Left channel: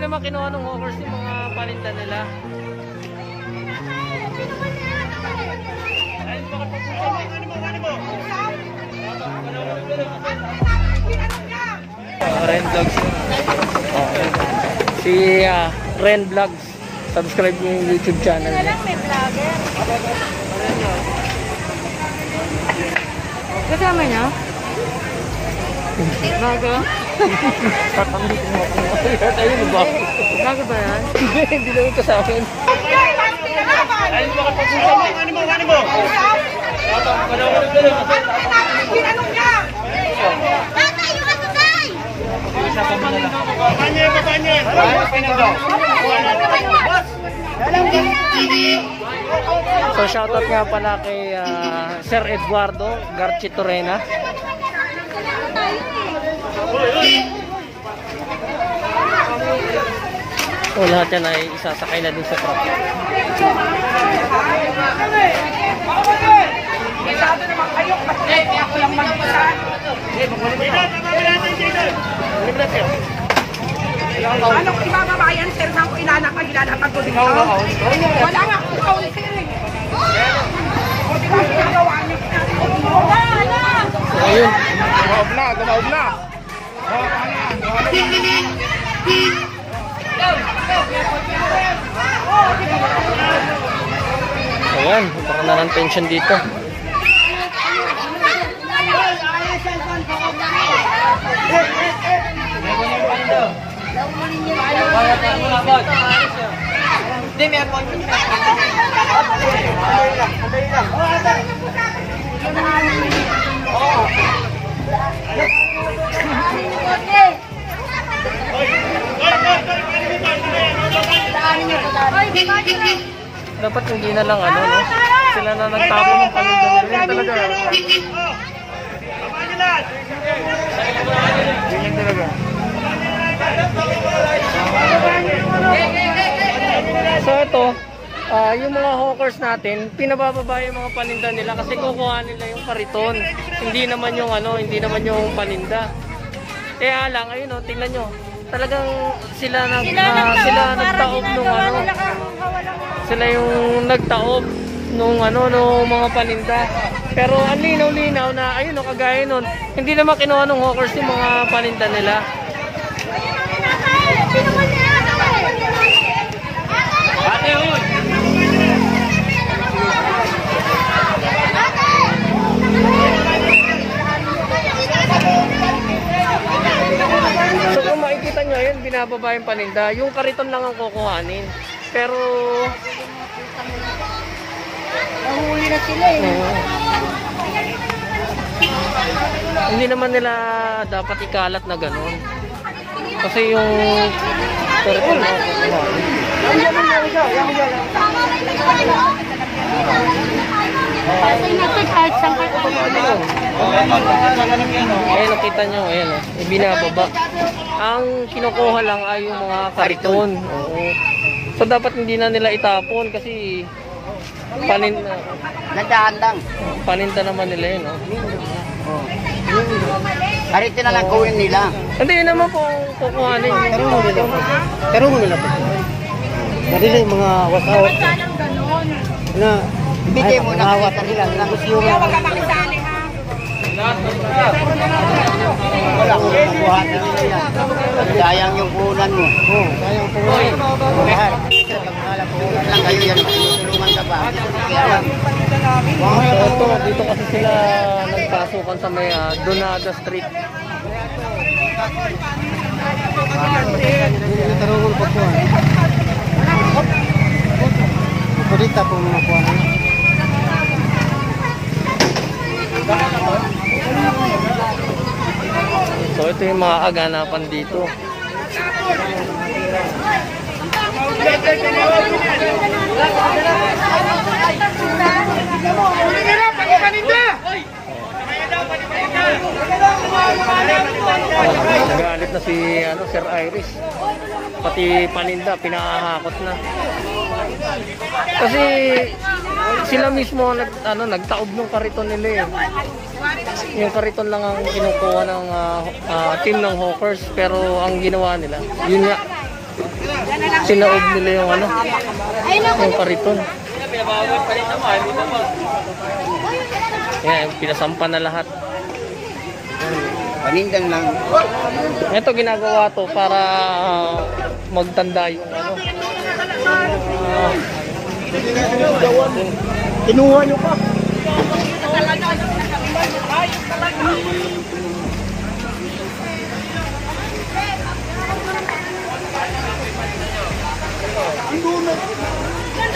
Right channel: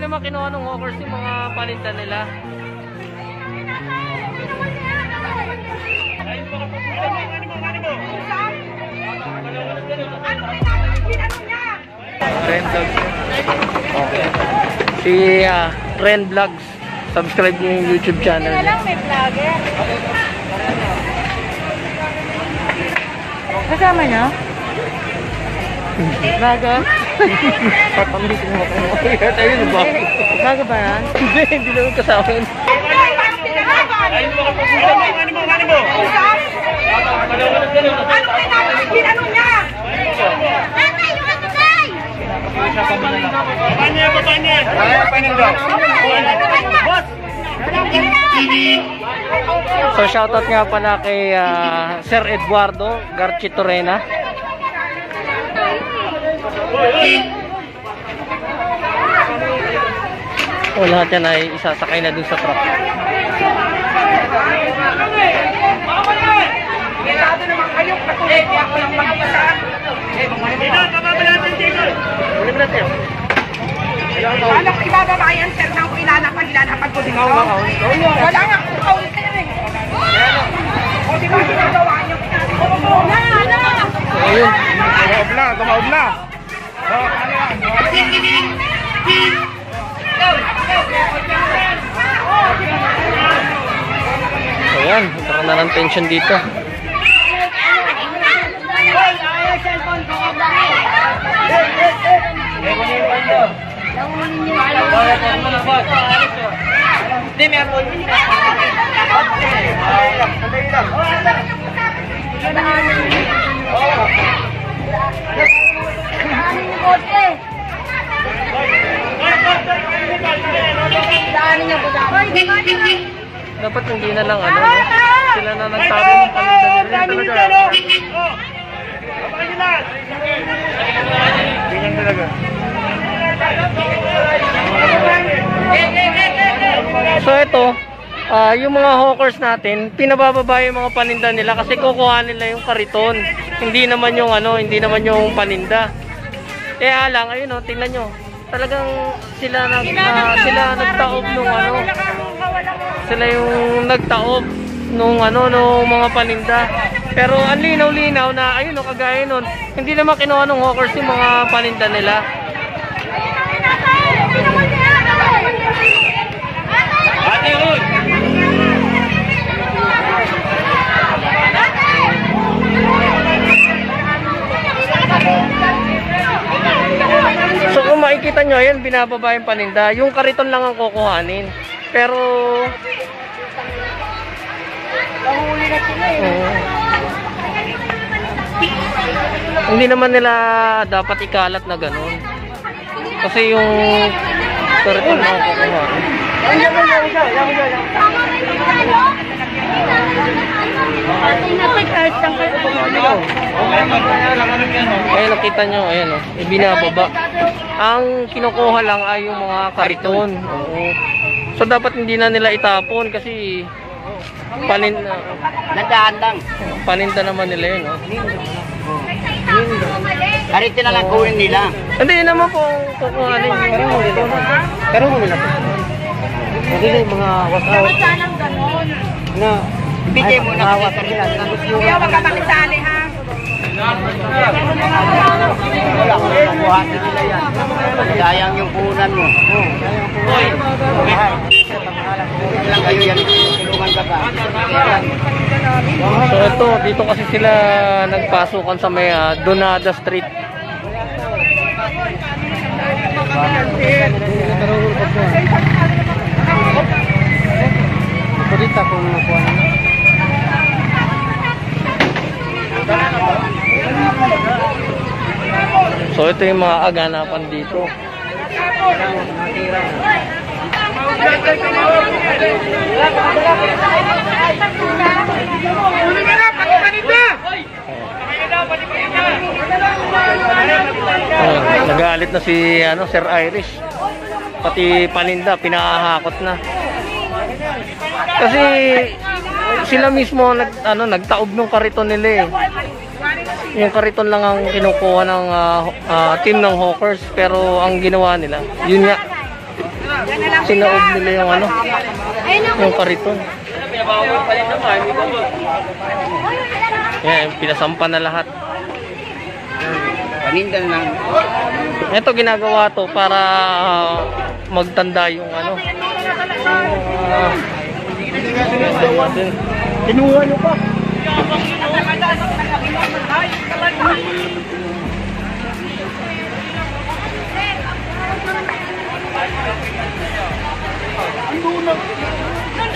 naman kinuha ng hawkers yung mga paninda nila. Ren Vlogs. Okay. Si Ren Vlogs. Subscribe niyo yung YouTube channel. Hindi na lang may vlogger. Kasama niyo? Vlogger? Patambitin mo ako. Ayun ba? Vlogger ba yan? Hindi naman kasama yun. So shoutout nga pala kay Sir Eduardo Garchitorena. So lahat yan ay isasakay na dun sa truck. Paano ko ibababa yan, sir, nang ilalapag ko dito? Wala nga akong counter eh. O, di ba ginagawa niyo? Wala! Ayun. Tumaob na. Oh, ano yan? Ayan, parang na ng tension dito. Dapat hindi na lang ano, no? Sila na nagtapo ng paninda talaga. So ito, yung mga hawkers natin, pinabababa yung mga paninda nila kasi kukuha nila yung kariton. Hindi naman yung ano, hindi naman yung paninda. Kaya lang, ayun oh, tingnan nyo. Talagang sila nagtaob nung ano. Sila yung nagtaob nung ano, nung mga paninda. Pero ang linaw-linaw na ayun oh, kagaya nun, hindi naman kinuha ng hawkers yung mga paninda nila. So kung makikita nyo, ayan, binababa yung paninda. Yung kariton lang ang kukuhanin. Pero hindi naman nila dapat ikalat na ganun. Kasi yung kariton lang ang kukuhanin. Ayan, nakita nyo, ayan o, ibinababa. Ang kinukuha lang ay yung mga kariton. So dapat hindi na nila itapon kasi paninda. Nandaan lang. Paninda naman nila yun, no? Karitin na lang kunin nila. Hindi naman po kukuhanin. Pero mo nila po. Mabili mga wasawat. Na bigay mo na wasawat nila. Kaya wag ka makisali, ha? Sayang yung punan mo. So ito, dito kasi sila nagpasukan sa may Donada Street. So ito yung mga aganapan dito. Nagalit na si Sir Irish. Pati paninda pinahahakot na. Kasi sila mismo nagtaob ng kariton nila eh. Yung kariton lang ang kinukuha ng team ng hawkers, pero ang ginawa nila, yun nga, sinaob nila yung ano, yung kariton. Yan, pinasampa na lahat. Panindan lang. Ito ginagawa to para magtanda yung ano. Kinuha niyo pa.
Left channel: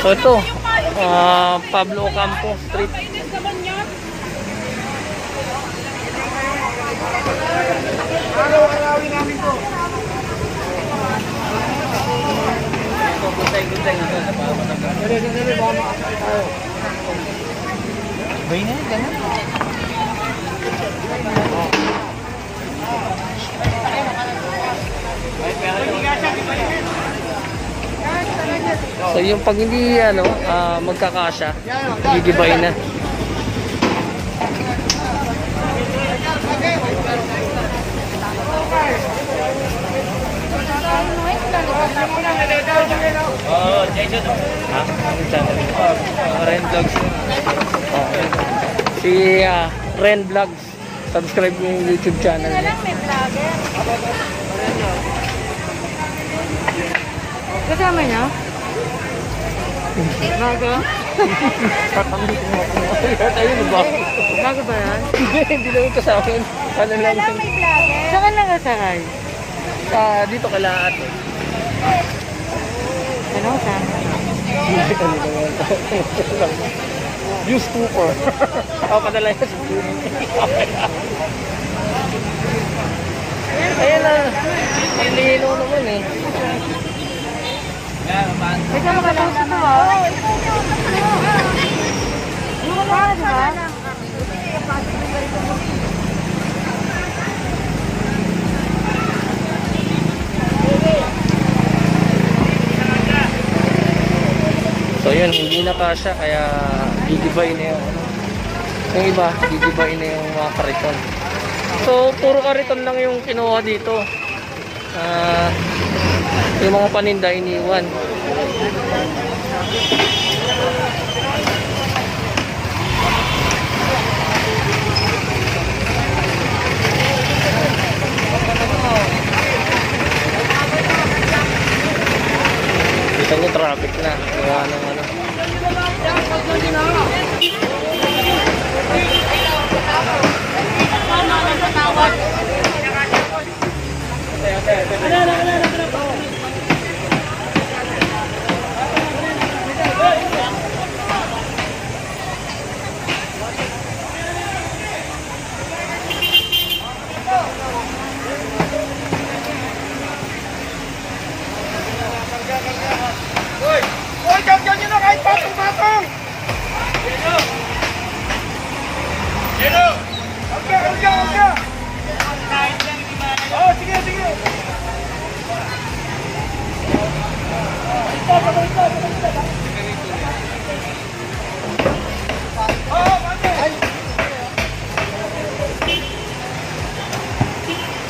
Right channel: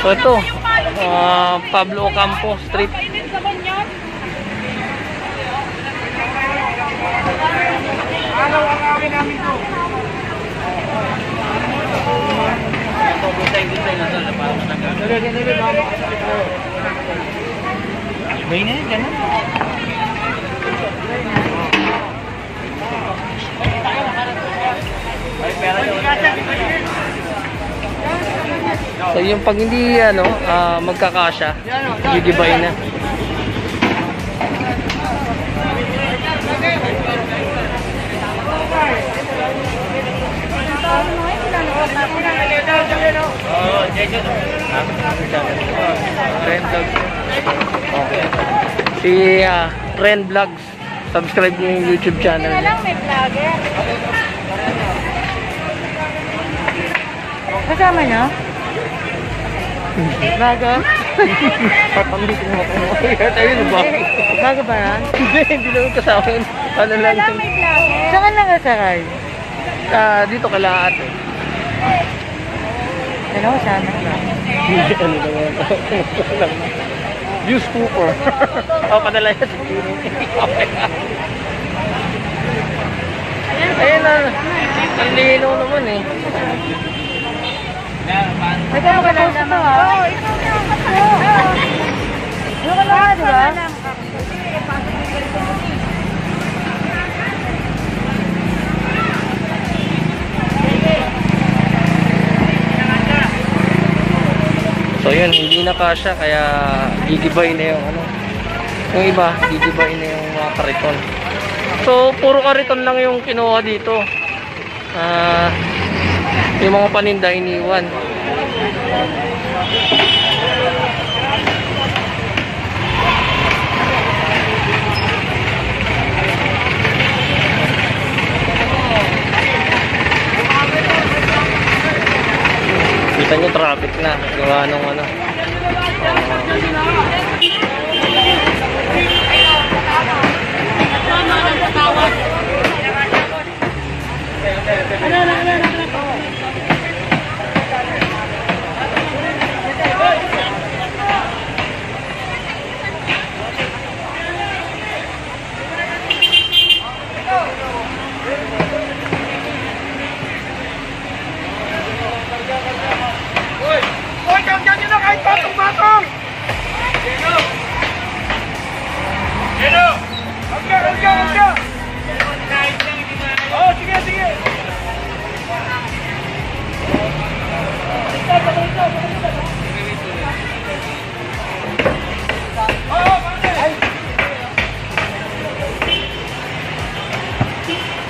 So ito, Pablo Ocampo Street. Araw-arawin namin to. So yung pag hindi ano, magkakasya, gigibayin na. Si Ren Vlogs. Subscribe niyo yung YouTube channel Kaya niya. lang may vlogger. Kasama niyo? Vlogger? Patambit mo ako. Ayun ba? Bago ba yan? Hindi naman kasama yun. Ano lang yun. Saan lang kasakay? Dito kala ate. Ano kasama? Ano naman. View scooper. Ako padala yan sa Pino. Ayun na. Ang lino naman eh. Ikaw wala naman. Oo, ikaw na. Ano ka na, di ba? So yun, hindi na kasya kaya gigibay na yung ano. Yung iba, gigibay na yung mga kariton. So puro kariton lang yung kinuha dito. Yung mga paninda iniwan. Kita nyo traffic na gawa nung ano.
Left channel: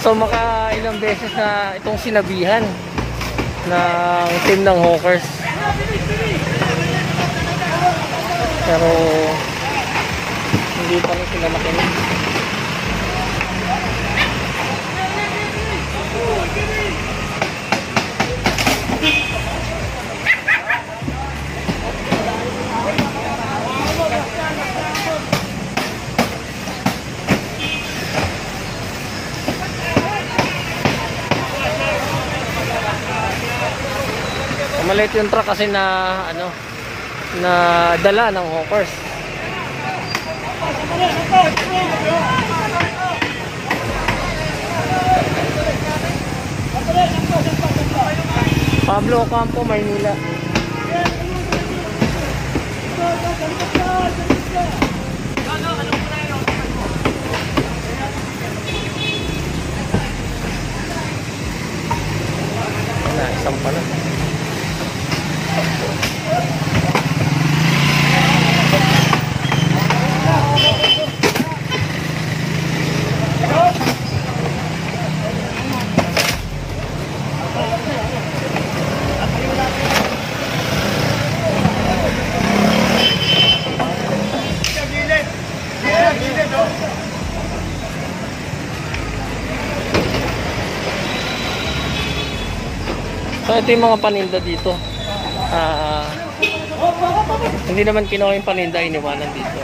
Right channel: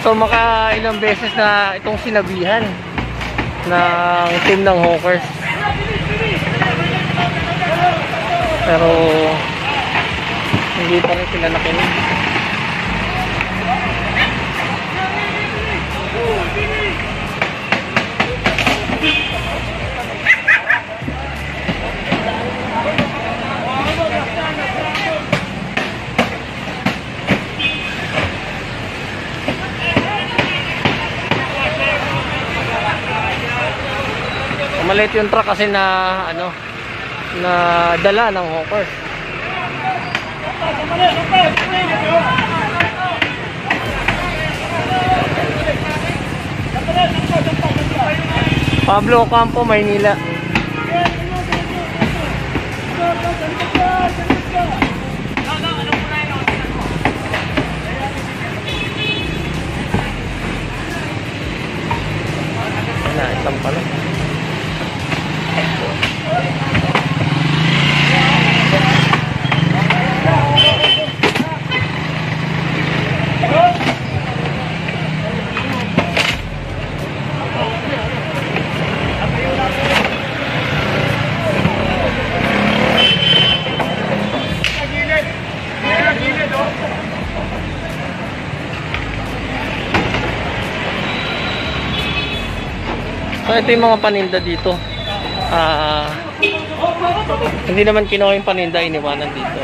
So ilang beses na itong sinabihan ng team ng Hawkers. Pero hindi pa rin sila nakinig. Maliit yung truck kasi na ano, na dala ng Hawkers. Pablo Ocampo, Maynila. Na, isang pala. So ito yung mga paninda dito. Hindi naman kinuha yung paninda, iniwanan dito.